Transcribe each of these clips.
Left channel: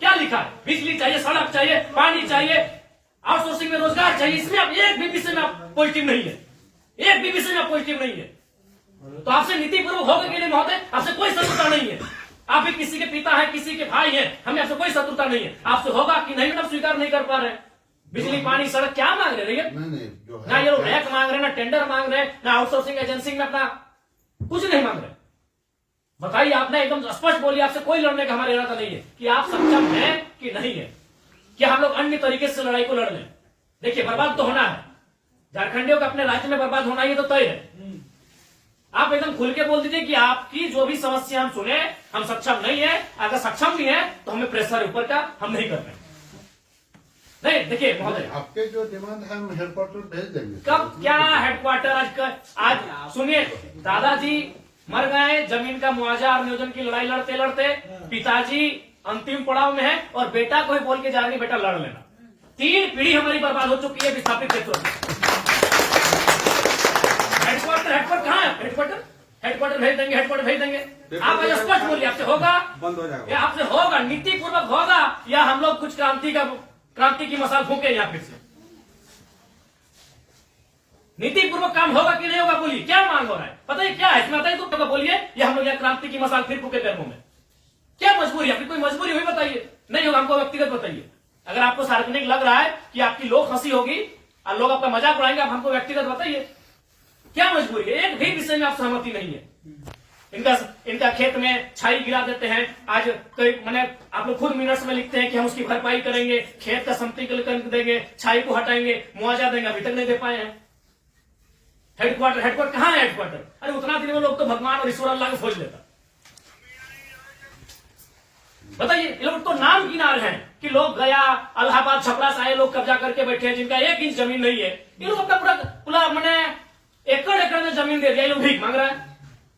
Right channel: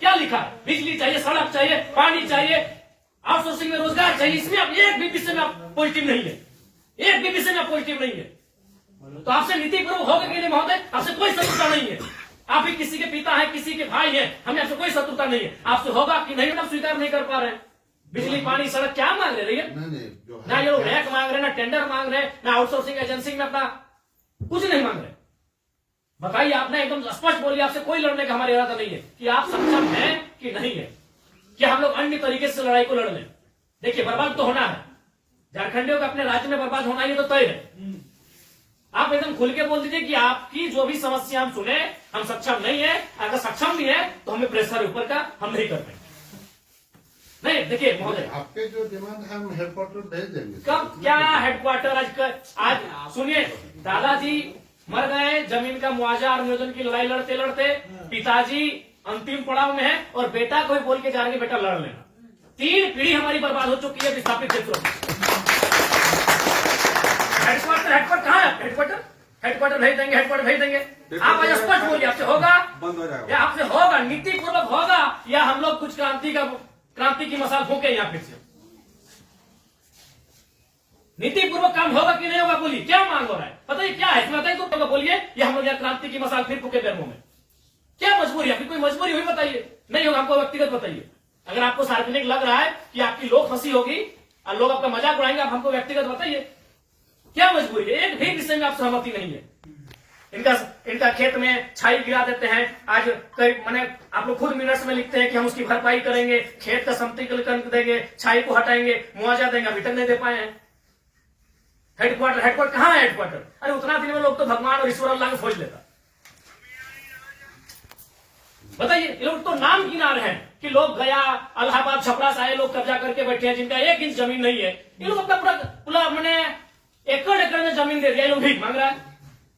क्या लिखा है? बिजली चाहिए, सड़क चाहिए, पानी चाहिए, आउटसोर्सिंग में रोजगार चाहिए। इसमें आप एक भी विषय में आप पॉजिटिव नहीं है, एक भी विषय में आप पॉजिटिव नहीं है। तो आपसे नीतिपूर्वक होगा कि नहीं महोदय? आपसे कोई शत्रुता नहीं है। आप भी किसी के पिता है, किसी के भाई है, हमें आपसे कोई शत्रुता नहीं है। आपसे होगा कि नहीं, मतलब स्वीकार नहीं कर पा रहे हैं। बिजली, पानी, सड़क क्या मांग रहे हैं? ना ये लोग रैक मांग रहे, ना टेंडर मांग रहे, ना आउटसोर्सिंग एजेंसी में अपना कुछ नहीं मांग रहे। बताइए, आपने एकदम स्पष्ट बोलिए, आपसे कोई लड़ने का हमारा इरादा नहीं है कि आप सक्षम हैं कि नहीं है, कि हम लोग अन्य तरीके से लड़ाई को लड़ लें। देखिए, बर्बाद तो होना है, झारखंडियों का अपने राज्य में बर्बाद होना, ये तो तय है। आप एकदम खुल के बोल दीजिए कि आपकी जो भी समस्या हम सुने, हम सक्षम नहीं है। अगर सक्षम भी है तो हमें प्रेशर ऊपर का हम नहीं कर रहे। नहीं, देखिए महोदय, आपके जो डिमांड है हम हेडक्वार्टर भेज देंगे। कब क्या हेडक्वार्टर? आज सुनिए, दादाजी मर गए, जमीन का मुआवजा और नियोजन की लड़ाई लड़ते लड़ते पिताजी अंतिम पड़ाव में है, और बेटा को ही बोल के जा रहे हैं बेटा लड़ लेना। 3 पीढ़ी हमारी बर्बाद हो चुकी है विस्थापित क्षेत्रों में। हेडक्वार्टर कहाँ है? हेडक्वार्टर भेज देंगे, हेडक्वार्टर भेज देंगे। आप स्पष्ट बोलिए, आपसे होगा बंद हो जाएगा, या आपसे होगा नीतिपूर्वक होगा, या हम लोग कुछ क्रांति की मसाल फूके यहाँ फिर से? नीतिपूर्वक काम होगा कि नहीं होगा? बोलिए, क्या मांग हो रहा है? बताइए क्या है, बताइए तो बोलिए, या हम लोग यहाँ क्रांति की मसाल फिर फूके पैरों में? क्या मजबूरी है? कोई मजबूरी हुई बताइए। नहीं होगा, हमको व्यक्तिगत बताइए। अगर आपको सार्वजनिक लग रहा है कि आपकी लोग हंसी होगी और लोग आपका मजाक उड़ाएंगे, आप हमको व्यक्तिगत बताइए, क्या मजबूरी है? एक भी विषय में आप सहमति नहीं है। इनका खेत में छाई गिरा देते हैं। आज कई मैंने आप लोग खुद मिनट्स में लिखते हैं कि हम उसकी भरपाई करेंगे, खेत का समतलीकरण देंगे, छाई को हटाएंगे, मुआवजा देंगे, अभी तक नहीं दे पाए हैं। हेडक्वार्टर कहाँ है? हेडक्वार्टर, अरे उतना दिन में लोग तो भगवान और ईश्वर अल्लाह को खोज लेता। बताइए, ये लोग तो नाम किनारे हैं कि लोग गया, इलाहाबाद, छपरा से आए लोग कब्जा करके बैठे हैं, जिनका 1 इंच जमीन नहीं है। ये लोग अपना पूरा मैंने एकड़ में जमीन दे दिया। ये लोग भीख मांग रहा है,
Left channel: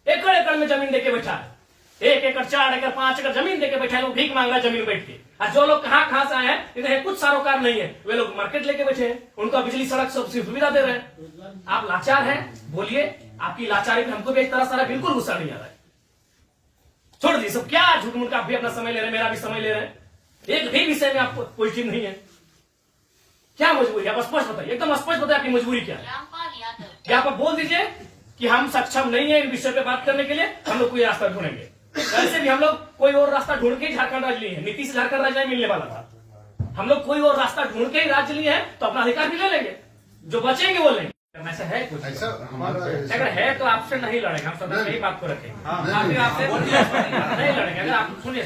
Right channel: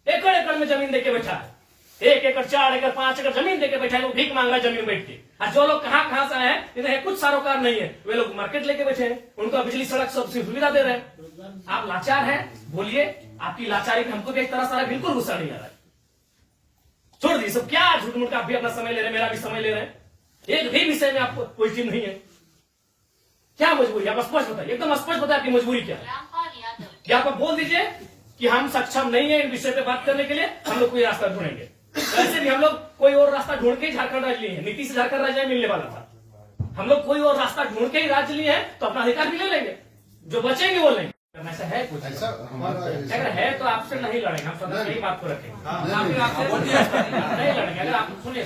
एकड़ में जमीन देके बैठा है। 1 एकड़, 4 एकड़, 5 एकड़ जमीन देके बैठा है, लोग भीख मांग रहा है जमीन बैठ के। और जो लोग कहाँ से आए हैं, इन्हें कुछ सारोकार नहीं है, वे लोग मार्केट लेके बैठे हैं, उनको बिजली, सड़क सब सुविधा दे रहे हैं। आप लाचार हैं, बोलिए, आपकी लाचारी पे हमको भी एक तरह से बिल्कुल गुस्सा नहीं आ रहा है। छोड़ दी सब, क्या झूठ मूठ का आप भी अपना समय ले रहे हैं, मेरा भी समय ले रहे हैं। एक भी विषय में आपको पॉजिटिव नहीं है। क्या मजबूरी है? आप स्पष्ट बताइए, एकदम स्पष्ट बताइए आपकी मजबूरी क्या है। क्या आप बोल दीजिए कि हम सक्षम नहीं है इन विषय पे बात करने के लिए, हम लोग कोई रास्ता ढूंढेंगे। वैसे भी हम लोग कोई और रास्ता ढूंढ के ही झारखंड राज्य लिए हैं। नीति से झारखंड राज्य मिलने वाला था। हम लोग कोई और रास्ता ढूंढ के ही राज्य लिए हैं, तो अपना अधिकार भी ले लेंगे, जो बचेंगे वो लेंगे। ऐसा है कुछ? ऐसा हमारा अगर है तो आपसे नहीं लड़ेंगे, हम सदा यही बात को रखेंगे। नहीं लड़ेंगे। अगर आप सुनिए,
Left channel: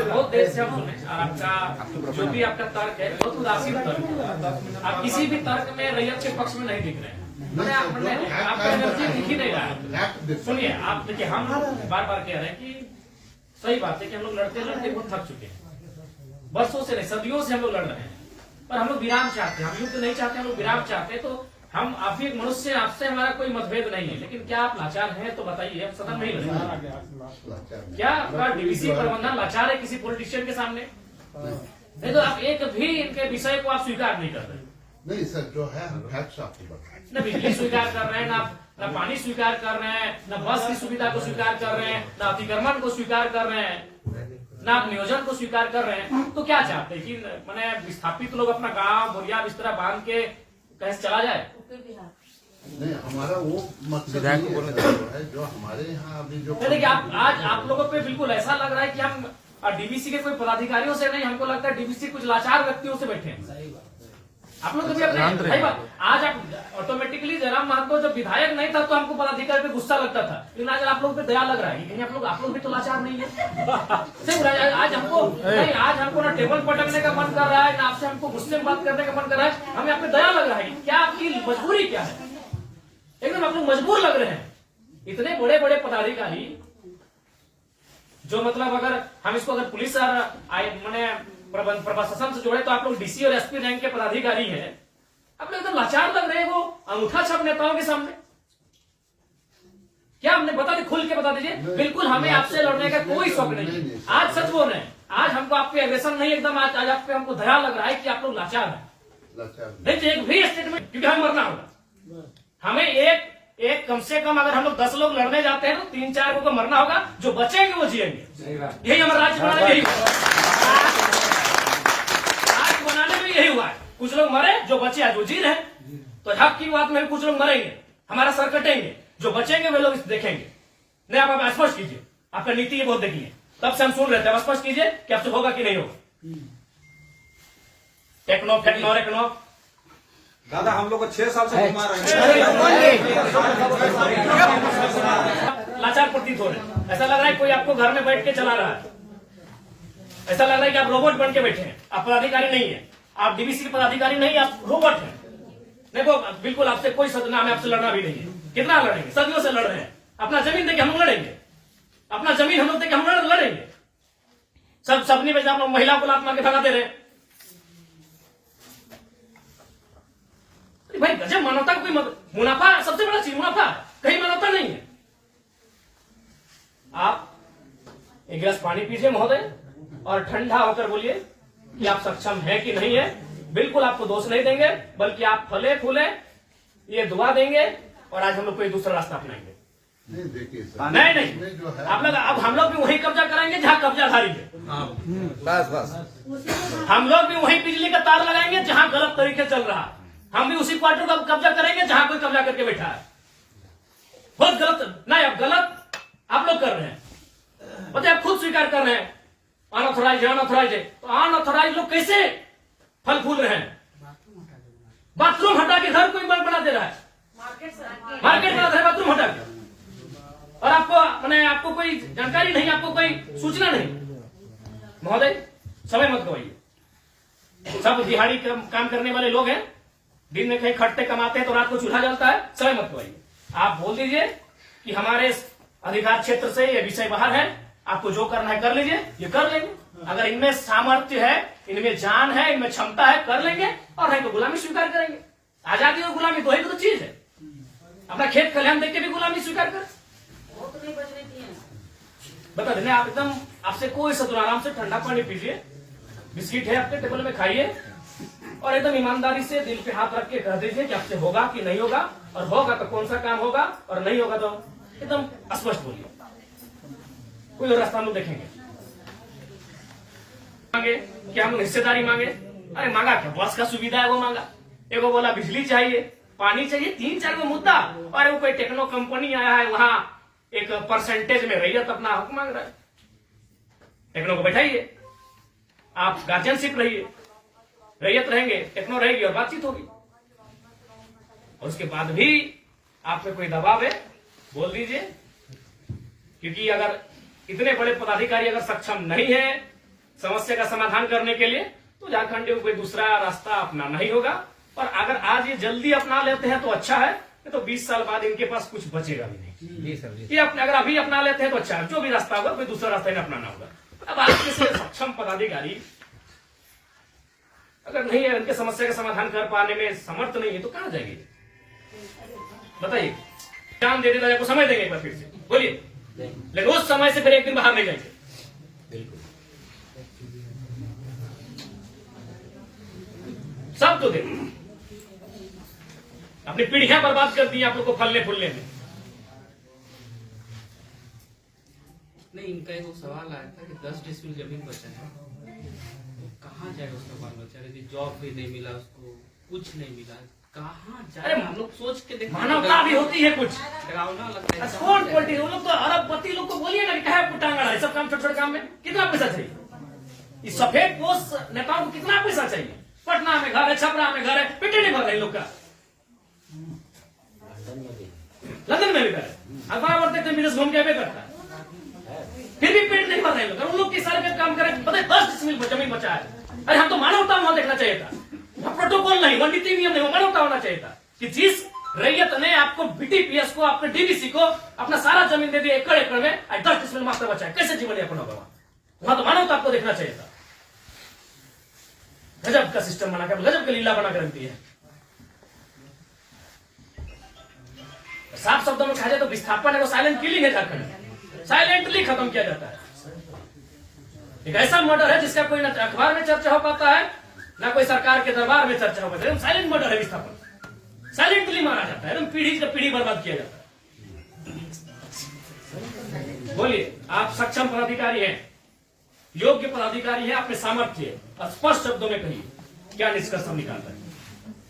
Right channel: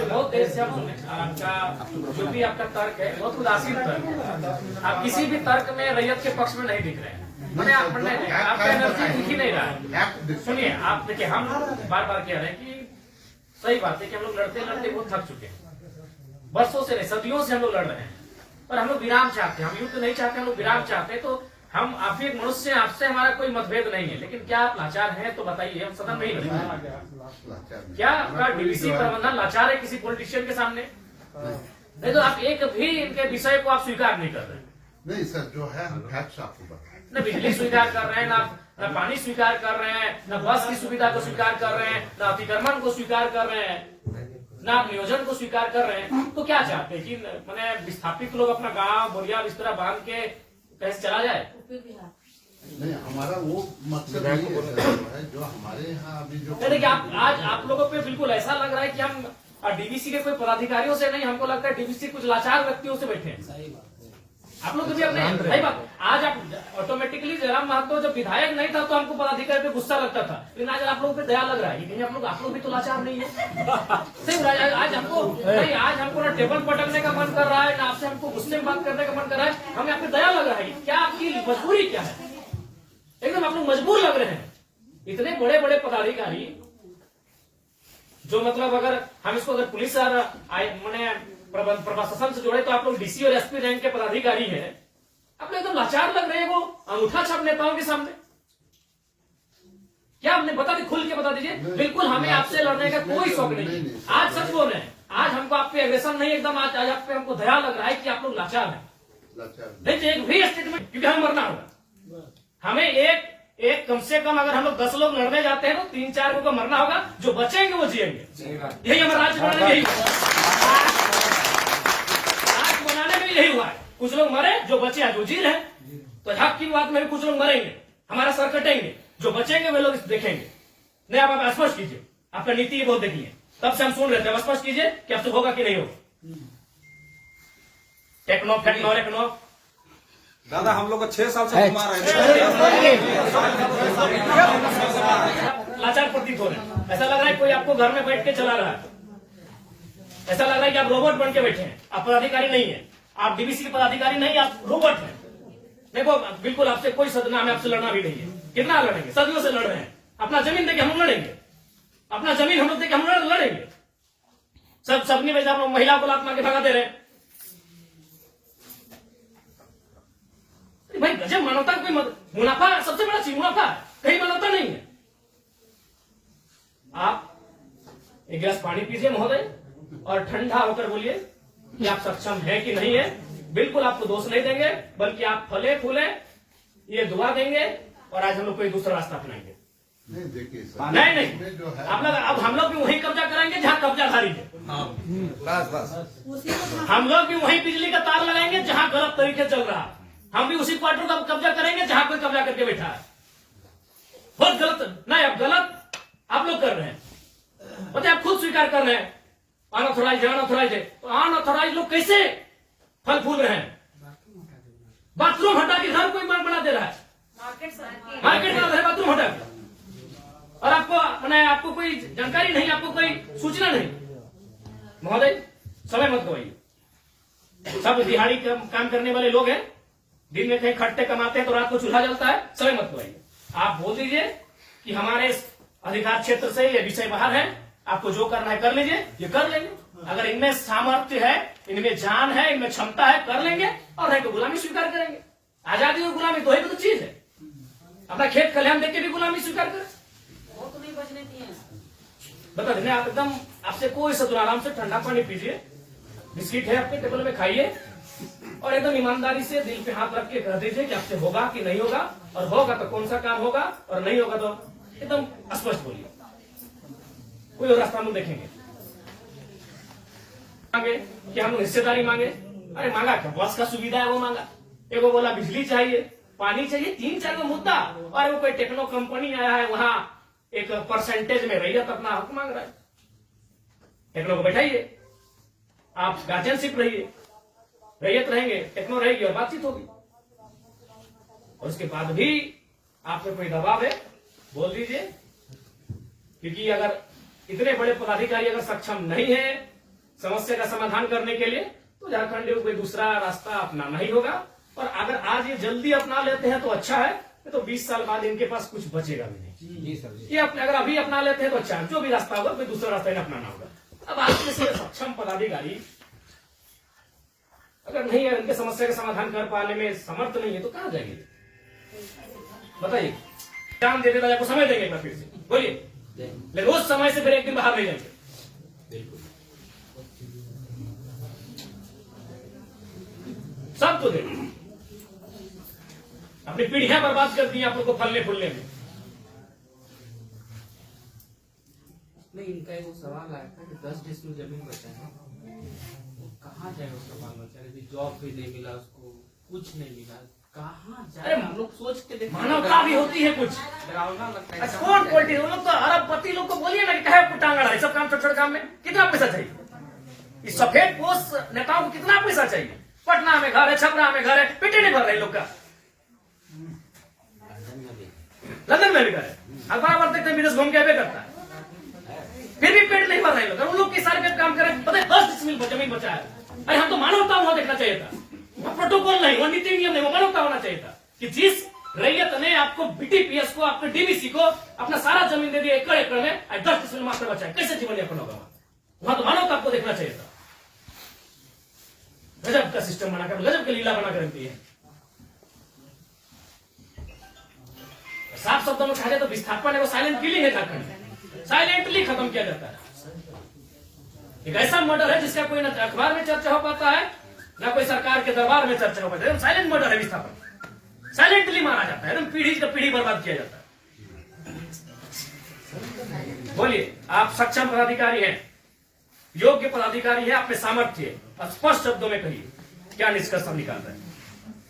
बहुत देर से हम सुने, आपका जो भी आपका तर्क है बहुत उदासीन तर्क है। आप किसी भी तर्क में रैयत के पक्ष में नहीं दिख रहे हैं। आपका एनर्जी दिख ही नहीं रहा है। सुनिए, आप देखिए, हम बार बार कह रहे हैं कि सही बात है कि हम लोग लड़ते लड़ते बहुत थक चुके हैं। बरसों से नहीं, सदियों से हम लोग लड़ रहे हैं, पर हम लोग विराम चाहते हैं। हम युद्ध नहीं चाहते, हम लोग विराम चाहते हैं। तो हम आप भी एक मनुष्य, आपसे हमारा कोई मतभेद नहीं है, लेकिन क्या आप लाचार हैं? तो बताइए, हम सदन में ही लड़ेंगे। क्या आपका डीवीसी प्रबंधन लाचार है किसी पॉलिटिशियन के सामने? नहीं तो आप एक भी इनके विषय को आप स्वीकार नहीं कर रहे। नहीं सर, जो है हम फैक्ट्स आपको बताएं। न बिजली स्वीकार कर रहे हैं, न पानी स्वीकार कर रहे हैं, न बस की सुविधा को स्वीकार कर रहे हैं, न अतिक्रमण को स्वीकार कर रहे हैं, न आप नियोजन को स्वीकार कर रहे हैं। तो क्या चाहते हैं कि मैंने विस्थापित लोग अपना गांव बोरिया बिस्तरा बांध के कहीं से चला जाए? नहीं, हमारा वो मकसद नहीं है जो हमारे यहाँ अभी जो देखिए, आज आप लोगों पे बिल्कुल ऐसा लग रहा है कि हम डीवीसी के कोई पदाधिकारियों से नहीं, हमको लगता है डीवीसी कुछ लाचार व्यक्तियों से बैठे हैं। आप लोग तो भी अपने भाई बात, आज आप ऑटोमेटिकली जयराम महतो जब विधायक नहीं था तो हमको पदाधिकारी पे गुस्सा लगता था, लेकिन आज आप लोग पे दया लग रहा है। लेकिन आप लोग भी तो लाचार नहीं है। सही, आज हमको ना टेबल पटकने का मन कर रहा है, ना आपसे हमको गुस्से में बात करने का मन कर रहा है। हमें आप पे दया लग रहा है। क्या आपकी मजबूरी क्या है? एकदम आप लोग मजबूर लग रहे हैं। इतने बड़े बड़े पदाधिकारी जो मतलब अगर हम इसको अगर पुलिस मैंने प्रशासन से जोड़े तो आप लोग डीसी और एसपी रैंक के पदाधिकारी हैं। आप लोग एकदम लाचार लग रहे हैं वो अंगूठा छाप नेताओं के सामने। क्या हमने बता दी, खुल के बता दीजिए। बिल्कुल हमें आपसे लड़ने का कोई शौक नहीं है। आज सच बोल रहे हैं, आज हमको आप पे एग्रेशन नहीं, एकदम आज आप पे हमको दया लग रहा है कि आप लोग लाचार हैं। नहीं तो एक भी स्टेटमेंट, क्योंकि हम मरना होगा। हमें एक कम से कम अगर हम लोग 10 लोग लड़ने जाते हैं तो 3-4 को मरना होगा, जो बचेंगे वो जिएंगे। यही हमारा राज्य कुछ लोग मरे, जो बचे आज वो जी रहे हैं। तो हक की बात में कुछ लोग मरेंगे, हमारा सर कटेंगे, जो बचेंगे वे लोग देखेंगे। नहीं, आप स्पष्ट कीजिए, आपका नीति ये बहुत देखिए, तब से हम सुन रहे थे। अब स्पष्ट कीजिए कि आपसे होगा कि नहीं होगा। टेक्नो फेक्नो रेक्नो दादा हम लोग को 6 साल से घुमा रहे हैं। लाचार प्रतीत हो रहे हैं। ऐसा लग रहा है कोई आपको घर में बैठ के चला रहा है। ऐसा लग रहा है कि आप रोबोट बन के बैठे हैं। आप पदाधिकारी नहीं है, आप डीवीसी के पदाधिकारी नहीं, आप रोबोट हैं। देखो बिल्कुल आपसे कोई सदना, हमें आपसे लड़ना भी नहीं है। कितना लड़ेंगे, सदियों से लड़ रहे हैं। अपना जमीन देके हम लोग लड़ेंगे, अपना जमीन हम लोग देके हम लोग लड़ेंगे। सबने वजह आप लोग महिलाओं को लात मार के भगा दे रहे। भाई गजब, मानवता का कोई मुनाफा सबसे बड़ा चीज मुनाफा है, कहीं मानवता नहीं है। आप एक गिलास पानी पीजिए महोदय, और ठंडा होकर बोलिए कि आप सक्षम है कि नहीं है। बिल्कुल आपको दोष नहीं देंगे, बल्कि आप फले फूले ये दुआ देंगे, और आज हम लोग कोई दूसरा रास्ता अपनाएंगे। नहीं देखिए सर, नहीं जो है आप लोग, अब हम लोग भी वही कब्जा कराएंगे जहां कब्जाधारी है। हम लोग भी वही बिजली का तार लगाएंगे जहां गलत तरीके चल रहा है। हम भी उसी क्वार्टर का कब्जा करेंगे जहां कोई कब्जा करके बैठा है। बहुत गलत, नहीं अब गलत आप लोग कर रहे हैं, पता है, आप खुद स्वीकार कर रहे हैं। अनऑथोराइज अनऑथोराइज है, तो अनऑथोराइज लोग कैसे फल फूल रहे हैं? बाथरूम हटा के घर कोई बना दे रहा है, मार्केट बना रहा है बाथरूम हटा के, और आपको मैंने आपको कोई जानकारी नहीं, आपको कोई सूचना नहीं। महोदय समय मत गवाइए। सब दिहाड़ी काम करने वाले लोग हैं, दिन में कहीं खटते कमाते हैं तो रात को चूल्हा जलता है। समय मत गवाइए। आप बोल दीजिए कि हमारे अधिकार क्षेत्र से ये विषय बाहर है, आपको जो करना है कर लीजिए, ये कर लेंगे। अगर इनमें सामर्थ्य है, इनमें जान है, इनमें क्षमता है, कर लेंगे, और नहीं तो गुलामी स्वीकार करेंगे। आजादी और गुलामी दो ही तो चीज है। अपना खेत खलिहान देख के भी गुलामी स्वीकार करें, बता देने। आप एकदम, आपसे कोई सदुर, आराम से ठंडा पानी पीजिए, बिस्किट है आपके टेबल में खाइए, और एकदम ईमानदारी से दिल पे हाथ रख के कह दीजिए कि आपसे होगा कि नहीं होगा, और होगा तो कौन सा काम होगा, और नहीं होगा तो एकदम स्पष्ट बोलिए। कोई और रास्ता हम लोग देखेंगे। मांगे कि हम लोग हिस्सेदारी मांगे, अरे मांगा क्या, बस का सुविधा है वो मांगा। एगो बोला बिजली चाहिए, पानी चाहिए, 3-4 को मुद्दा, और वो कोई टेक्नो कंपनी आया है, वहां एक परसेंटेज में रैयत अपना हक मांग रहा है। टेक्नो को बैठाइए, आप गार्जियनशिप रहिए, रैयत रहेंगे, टेक्नो रहेगी, और बातचीत होगी। और उसके बाद भी आप पे कोई दबाव है, बोल दीजिए। क्योंकि अगर इतने बड़े पदाधिकारी अगर सक्षम नहीं है समस्या का समाधान करने के लिए, तो झारखंड को कोई दूसरा रास्ता अपनाना ही होगा। और अगर आज ये जल्दी अपना लेते हैं तो अच्छा है, तो 20 साल बाद इनके पास कुछ बचेगा भी नहीं। ये अगर अभी अपना लेते हैं तो अच्छा है, जो भी रास्ता होगा कोई दूसरा रास्ता इन्हें अपनाना होगा। अब आज जैसे सक्षम पदाधिकारी अगर नहीं है, उनके समस्या का समाधान कर पाने में समर्थ नहीं है, तो कहां जाएंगे बताइए? काम दे देता है, समय देंगे एक बार फिर से, बोलिए। लेकिन उस समय से फिर एक दिन बाहर नहीं जाएंगे। सब तो देखो, अपनी पीढ़ियां बर्बाद कर दी आप लोग को फलने फूलने में। नहीं, इनका एक सवाल आया था कि 10 डिसमिल जमीन बचा है, तो कहाँ जाए उसका बाल बच्चा? यदि जॉब भी नहीं मिला उसको, कुछ नहीं मिला, कहाँ जाए? अरे हम लोग सोच के देखो, मानवता भी होती है कुछ। डरावना लगता है। कौन पॉलिटिक्स, वो लोग तो अरबपति लोग को बोलिए ना कि कहे पुटांगड़ा है, सब काम छोटे छोटे काम में कितना पैसा चाहिए? इस सफेद पोस्ट नेताओं को कितना पैसा चाहिए? पटना में घर है, छपरा में घर है, पेटे नहीं भर रहे लोग का। लंदन में भी घर है, अखबार पढ़ते थे, मीरस घूम के करता है, फिर भी पेट नहीं भर रहे लोग। उन लोग के सारे काम कर रहे, पता है 10 डिसमिल जमीन बचा है। अरे हम तो मानवता वहां देखना चाहिए था, वहां प्रोटोकॉल नहीं, वहां नीति नियम नहीं, वहां मानवता होना चाहिए था कि जिस रैयत ने आपको बीटीपीएस को, आपके डीवीसी को अपना सारा जमीन दे दिया एकड़ एकड़ में, 10 डिसमिल मास्टर बचा है, कैसे जीवन यापन होगा? वहां तो मानवता आपको देखना चाहिए था। गजब का सिस्टम बनाकर, गजब की लीला बनाकर रखती है। साफ शब्दों में कहा जाए तो विस्थापन है वो साइलेंट किलिंग है झारखंड, साइलेंटली खत्म किया जाता है। एक ऐसा मर्डर है जिसका कोई ना अखबार में चर्चा हो पाता है, ना कोई सरकार के दरबार में चर्चा हो पाता है। साइलेंट मर्डर है विस्थापन, साइलेंटली मारा जाता है, एकदम पीढ़ी से पीढ़ी बर्बाद किया जाता है। बोलिए, आप सक्षम पदाधिकारी हैं, योग्य पदाधिकारी है, आप में सामर्थ्य है, स्पष्ट शब्दों में कहिए क्या निष्कर्ष हम निकालते हैं।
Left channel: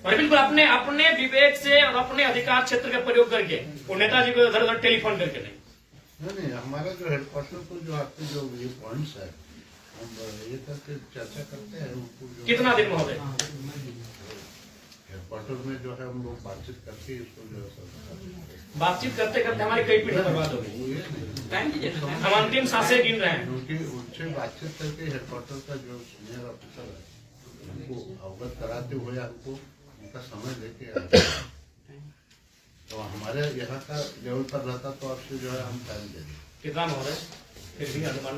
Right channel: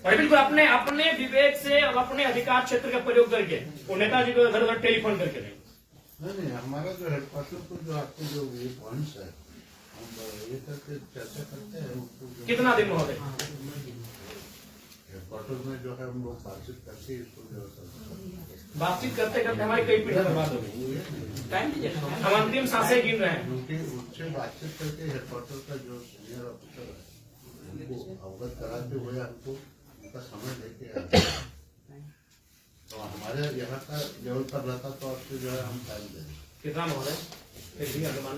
और बिल्कुल अपने अपने विवेक से और अपने अधिकार क्षेत्र का प्रयोग करके वो नेताजी को उधर उधर टेलीफोन करके नहीं। हमारा जो हेडक्वार्टर को जो आपके जो ये पॉइंट्स है हम ये करके चर्चा करते हैं उनको जो कितना दिन महोदय हेडक्वार्टर में जो है हम लोग बातचीत करके इसको जो है बातचीत करते करते हमारी कई पीढ़ी बर्बाद हो गई। हम अंतिम सांसें गिन रहे हैं। क्योंकि उनसे बातचीत करके हेडक्वार्टर का जो सीनियर ऑफिसर है उनको अवगत कराते हुए हमको उनका समय लेके आते हैं। तो हमारे यहाँ का लेवल पर रहता तो आपसे जो है हम टाइम दे दें। कितना महोदय फिर भी अनुमान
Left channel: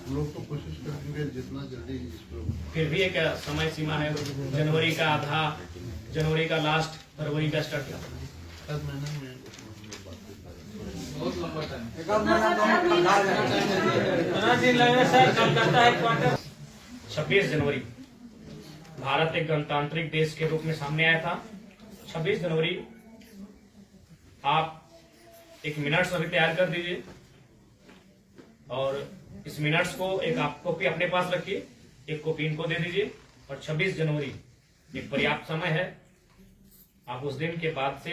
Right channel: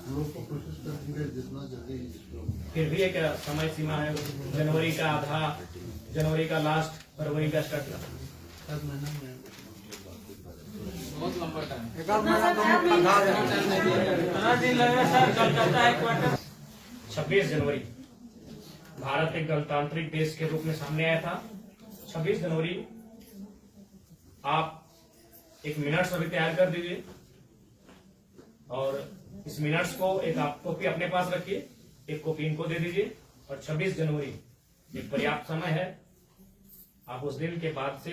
हम लोग तो कोशिश करेंगे जितना जल्दी इसको फिर भी एक समय सीमा है। जनवरी का आधा, जनवरी का लास्ट, फरवरी का स्टार्ट। 7 महीने में हम लोग बातचीत करेंगे। बहुत लंबा टाइम। 26 जनवरी भारत एक गणतांत्रिक देश के रूप में सामने आया था। 26 जनवरी आप एक मिनट्स अभी तैयार कर दीजिए और इस मिनट्स को एक आप कॉपी अपने पास रखिए, एक कॉपी इनको दे दीजिए। और 26 जनवरी एक पर्याप्त समय है। आप उस दिन के बाद से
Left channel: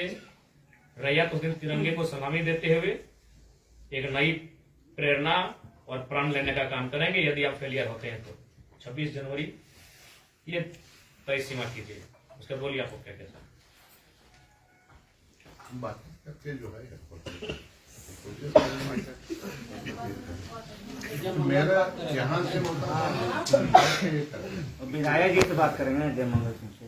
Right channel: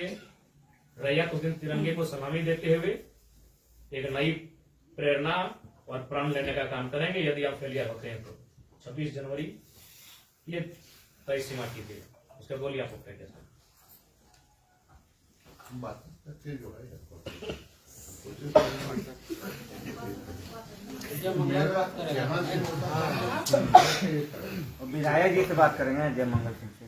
रैयत उस दिन तिरंगे को सलामी देते हुए एक नई प्रेरणा और प्राण लेने का काम करेंगे। यदि आप फेलियर होते हैं तो 26 जनवरी ये तय सीमा कीजिए। उसके बोलिए आपको क्या कैसा हम बातचीत करके जो है कोशिश करेंगे। मेरा यहाँ से होता है विधायक जी से बात करेंगे जय मंगल सिंह से।